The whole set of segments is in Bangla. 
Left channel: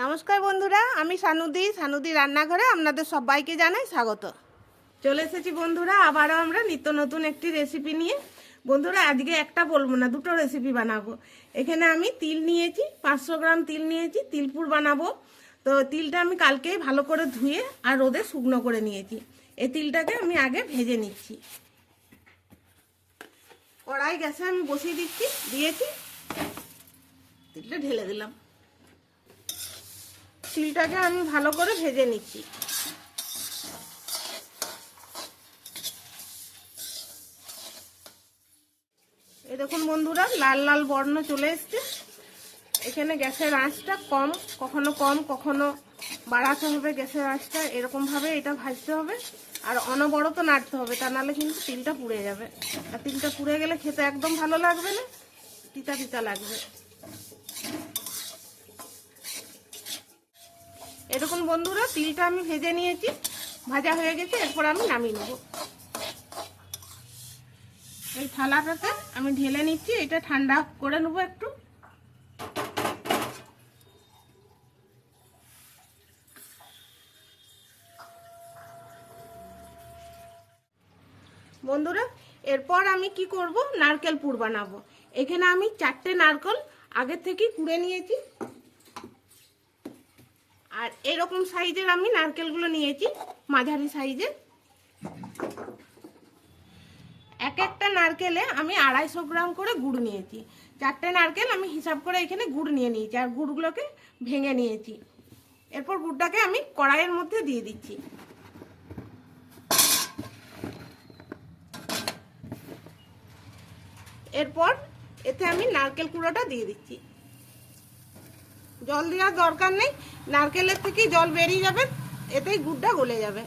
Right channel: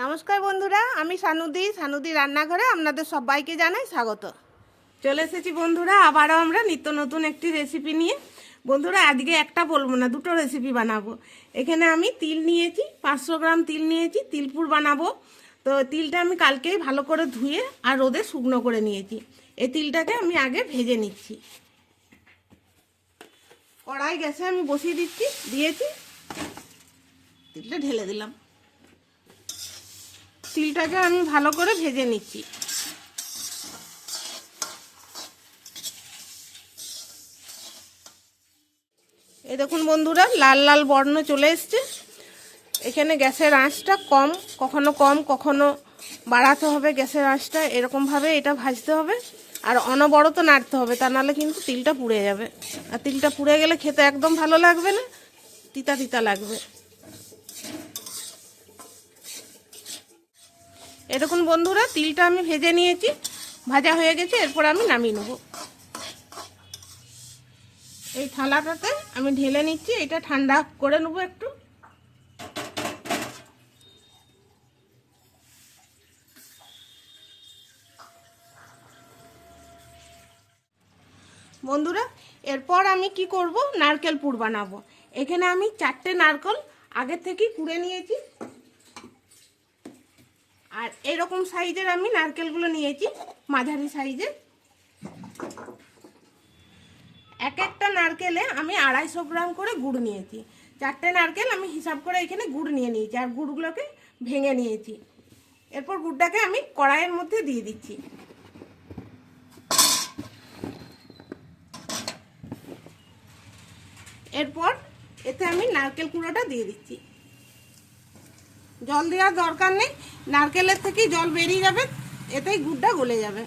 নমস্কার বন্ধুরা, আমি সানুদি সানুদি রান্নাঘরে আপনাদের সবাইকে জানাই স্বাগত। চলে এসেছি বন্ধুরা, আবারও আমরা নিত্য নতুন একটি রেসিপি নিয়ে। বন্ধুরা, আজকে একটা বলব না, দুটো রেসিপি বানাবো। এখানে আমি তিল নিয়েছি, পাঁচশো গ্রাম তিল নিয়েছি, তিলপুর বানাবো। তো তিলটা আমি কালকেই ভালো করে ধুয়ে আর রোদে শুকনো করে নিয়েছি। এই তিলটাকে আমি আগে ভেজে নিচ্ছি। কড়াই গ্যাসে আমি বসিয়ে দিচ্ছি, দিয়েছি। তিলটা ঢেলে দিলাম। তিলটাকে আমি ভালো করে ভেজে নিচ্ছি। এ দেখুন বন্ধুরা, লাল লাল বর্ণ চলে এসছে। এখানে গ্যাসের আঁচটা কম, কখনো কম, কখনো বাড়াতে হবে গ্যাসের আঁচটা, এরকমভাবে এটা ভাজতে হবে। আর অনবরত নাড়তে হবে, তা নাহলে কিন্তু তিলটা পুড়ে যাবে। আর তিলটা পুড়ে গেলে খেতে একদম ভালো লাগবে না, তিতা তিতা লাগবে। এরকম বন্ধুরা, তিলটা আমি ভেজে নিয়েছি, ভাজা হয়ে গেছে, এরপর আমি নামিয়ে নেব। এই থালাটাতে আমি ঢেলে নিচ্ছি, এটা ঠান্ডা করে নেব একটু। বন্ধুরা, এরপর আমি কি করব? নারকেল পুর বানাবো। এখানে আমি চারটে নারকেল আগের থেকেই পুড়ে নিয়েছি। আর এরকম সাইজের আমি নারকেলগুলো নিয়েছি, মাঝারি সাইজের। এক একটা নারকেলে আমি আড়াইশো গ্রাম করে গুড় নিয়েছি। চারটে নারকেল আমি হিসাব করে এখানে গুড় নিয়ে নিয়েছি আর গুড়গুলোকে ভেঙে নিয়েছি। এরপর গুড়টাকে আমি কড়াইয়ের মধ্যে দিয়ে দিচ্ছি। এরপর এতে আমি নারকেল কুড়োটা দিয়ে দিচ্ছি। জল দেওয়ার দরকার নেই, নারকেলের থেকেই জল বেরিয়ে যাবে, এতেই গুড়টা গলে যাবে।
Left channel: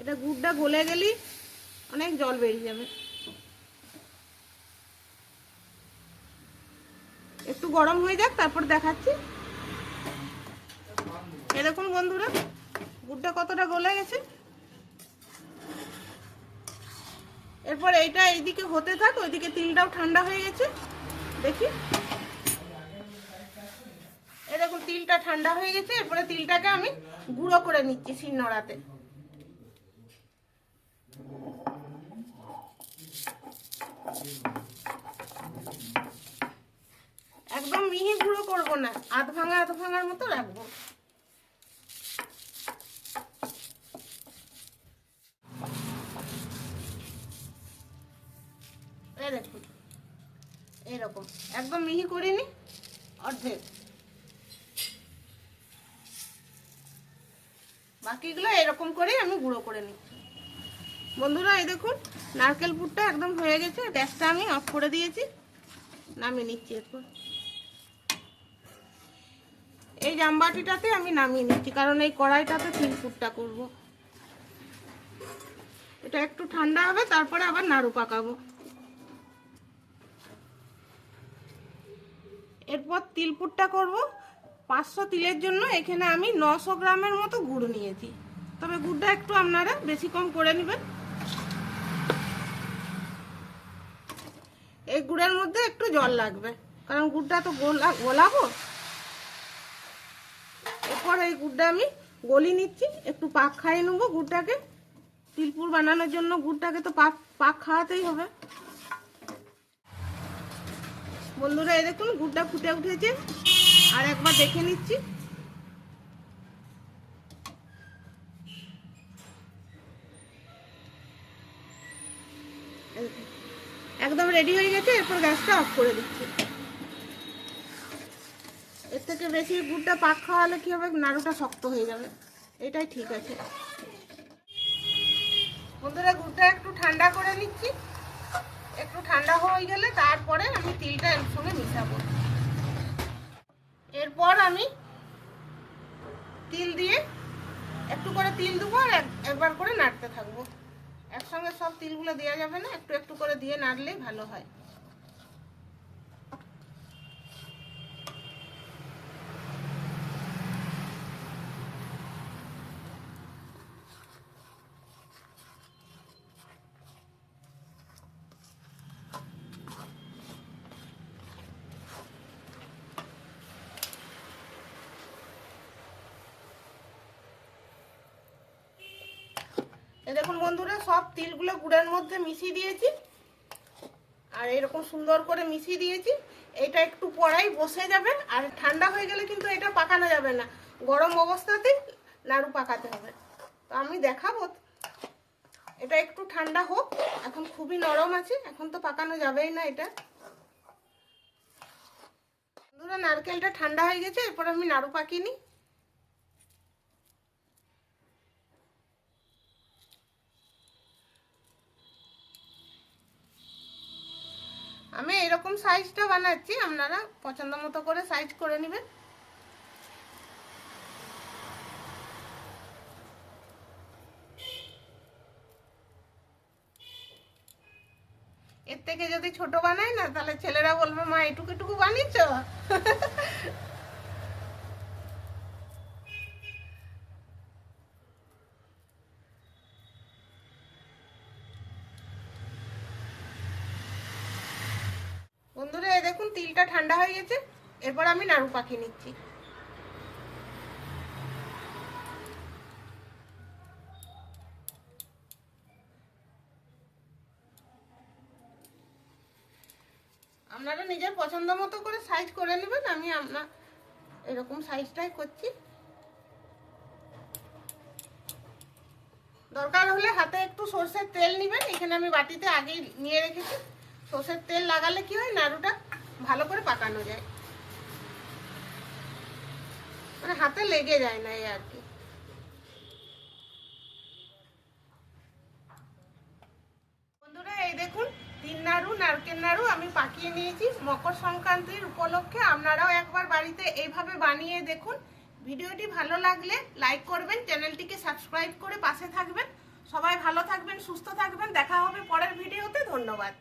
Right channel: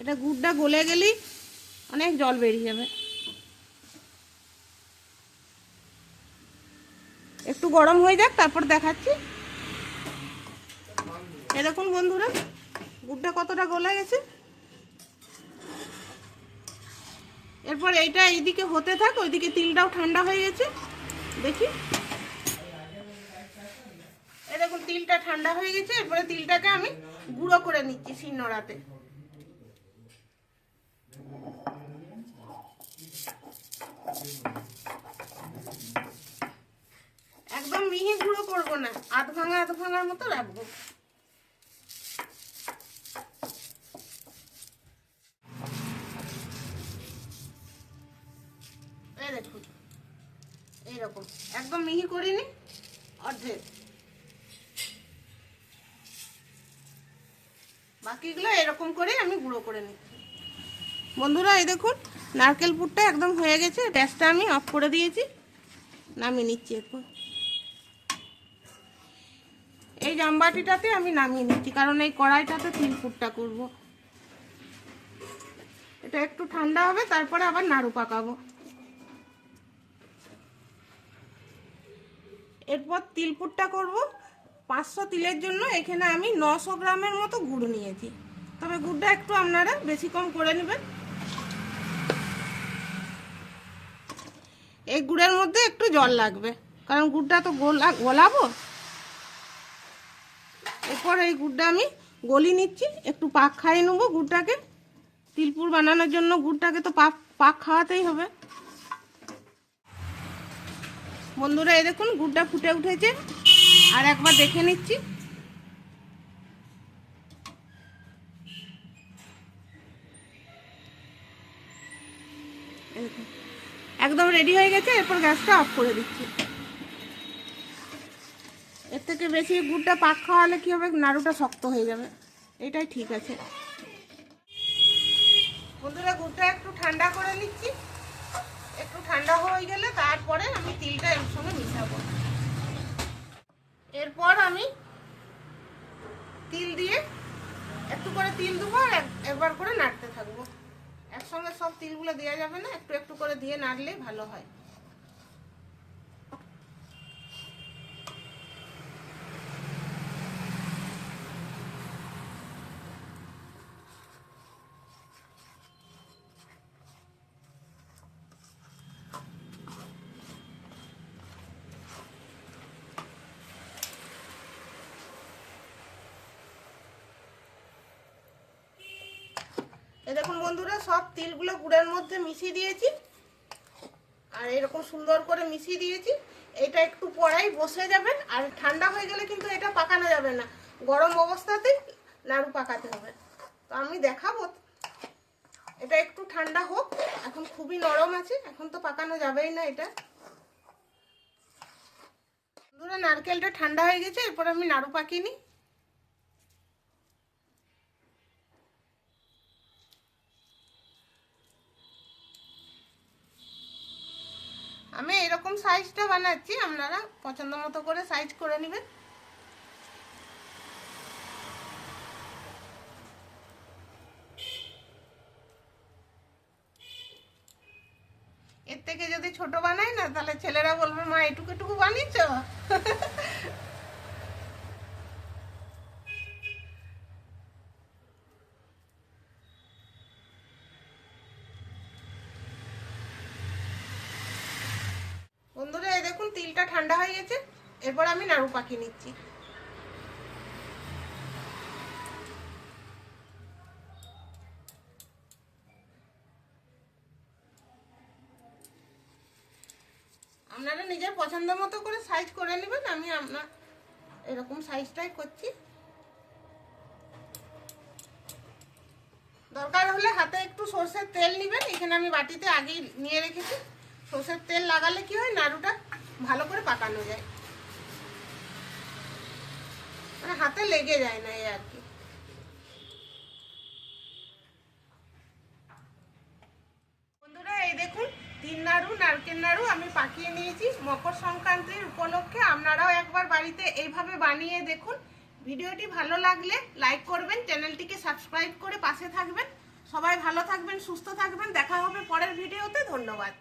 এটা গুড়টা গলে গেলেই অনেক জল বেরিয়ে যাবে। একটু গরম হয়ে যাক, তারপর দেখাচ্ছি। এরকম বন্ধুরা গুড়টা কতটা গলে গেছে? এরপর এইটা এইদিকে হতে থাক, ওইদিকে তিলটাও ঠান্ডা হয়ে গেছে। দেখি। এরকম তিলটা ঠান্ডা হয়ে গেছে, এরপরে তিলটাকে আমি গুঁড়ো করে নিচ্ছি শিলনোড়াতে। একদম মিহি গুঁড়ো করব না আধ ভাঙা আধ ভাঙার মতো রাখব। এই দেখুন, এইরকম। একদম মিহি করিনি, অর্ধেক। বাকিগুলো এরকম করে আমি গুঁড়ো করে নিচ্ছি বন্ধুরা, এই দেখুন, নারকেল পুরটা একদম হয়ে গেছে, গ্যাসটা আমি অফ করে দিয়েছি। নামিয়ে নিচ্ছি এরপর। এই জামবাটিটাতে আমি নামিয়ে নিচ্ছি, কারণ এই কড়াইটাতে তিল পুরটা করব। এটা একটু ঠান্ডা হবে, তারপরে আবার নাড়ু পাকাবো। এরপর তিলপুরটা করব। পাঁচশো তিলের জন্য এখানে আমি নশো গ্রামের মতো গুড় নিয়েছি। তবে গুড়টা একটু আপনারা বেশি কম করে নেবেন। এই গুড়ের মধ্যে একটু জল লাগবে, কারণ গুড়টা তো গোলা গোলাবো। এরপর এই গুড়টা আমি গলি নিচ্ছি, একটু পাক খাইয়ে নেব গুড়টাকে। তিলপুর বানানোর জন্য গুড়টাকে তো পাক পাক খাওয়াতেই হবে। বন্ধুরা, এই দেখুন, গুড়টা ফুটে উঠেছে। আর একবার দেখে নিচ্ছি। একদম রেডি হয়ে গেছে, এরপর গ্যাসটা অফ করে দিচ্ছি। এর থেকে বেশি গুড়টা পাক খাওয়ালে কি হবে? নাড়ুটা শক্ত হয়ে যাবে। এটাই ঠিক আছে। বন্ধুরা, গুড়টা একটু ঠান্ডা করে নিচ্ছি। একটু ঠান্ডা হয়ে গেলে তারপরে আমি তিলটা এর সঙ্গে মিশাবো। এরপর আমি তিল দিয়ে একটু করে তিল দেবো আর এক- একবার করে নাড়তে থাকব। একসঙ্গে সব তিলগুলো দেওয়া যাবে না, একটু একটু করে দিয়ে নাড়লেই ভালো হয়। দেখুন বন্ধুরা, সব তিলগুলো গুড়ের মধ্যে মিশিয়ে দিয়েছি। আর এরকম সুন্দর করে মিশিয়ে দিয়েছি। এটা একটু পরেই বসে যাবে, আর ঠান্ডা হয়ে গেলে কিন্তু এটা পাকানো যাবে না। গরম অবস্থাতেই নাড়ু পাকাতে হবে। তো আমি দেখাবো। এটা একটু ঠান্ডা হোক, এখন খুবই নরম আছে, এখন তো পাকানো যাবেই না এটা। বন্ধুরা, নারকেলটা ঠান্ডা হয়ে গেছে, এরপর আমি নাড়ু পাকিয়ে সাইজটা বানাচ্ছি, আপনারা পছন্দ মতো করে সাইজ করে নেবেন। এর থেকে যদি ছোট বানাই না, তাহলে ছেলেরা বলবে, মা, এটুকু এটুকু বানিয়েছ বন্ধুরা এই দেখুন তিলটা ঠান্ডা হয়ে গেছে, এরপর আমি নাড়ু পাকিয়ে নিচ্ছি। আপনারা নিজের পছন্দ মতো করে সাইজ করে নেবেন, আমি আপনার এরকম সাইজটাই করছি। দরকার হলে হাতে একটু সর্ষের তেল নেবেন, এখানে আমি বাটিতে আগেই নিয়ে রেখেছি। সর্ষের তেল লাগালে কি হয়, নাড়ুটা ভালো করে পাকানো যায়। মানে হাতে লেগে যায় না এই আর কি। বন্ধুরা, এই দেখুন, তিন নাড়ু, নারকেল নাড়ু আমি পাকিয়ে নিয়েছি। মকর সংক্রান্তির উপলক্ষে আপনারাও একবার বাড়িতে এইভাবে বানিয়ে দেখুন। ভিডিওটি ভালো লাগলে লাইক করবেন, চ্যানেলটিকে সাবস্ক্রাইব করে পাশে থাকবেন। সবাই ভালো থাকবেন, সুস্থ থাকবেন। দেখা হবে পরের ভিডিওতে। ধন্যবাদ।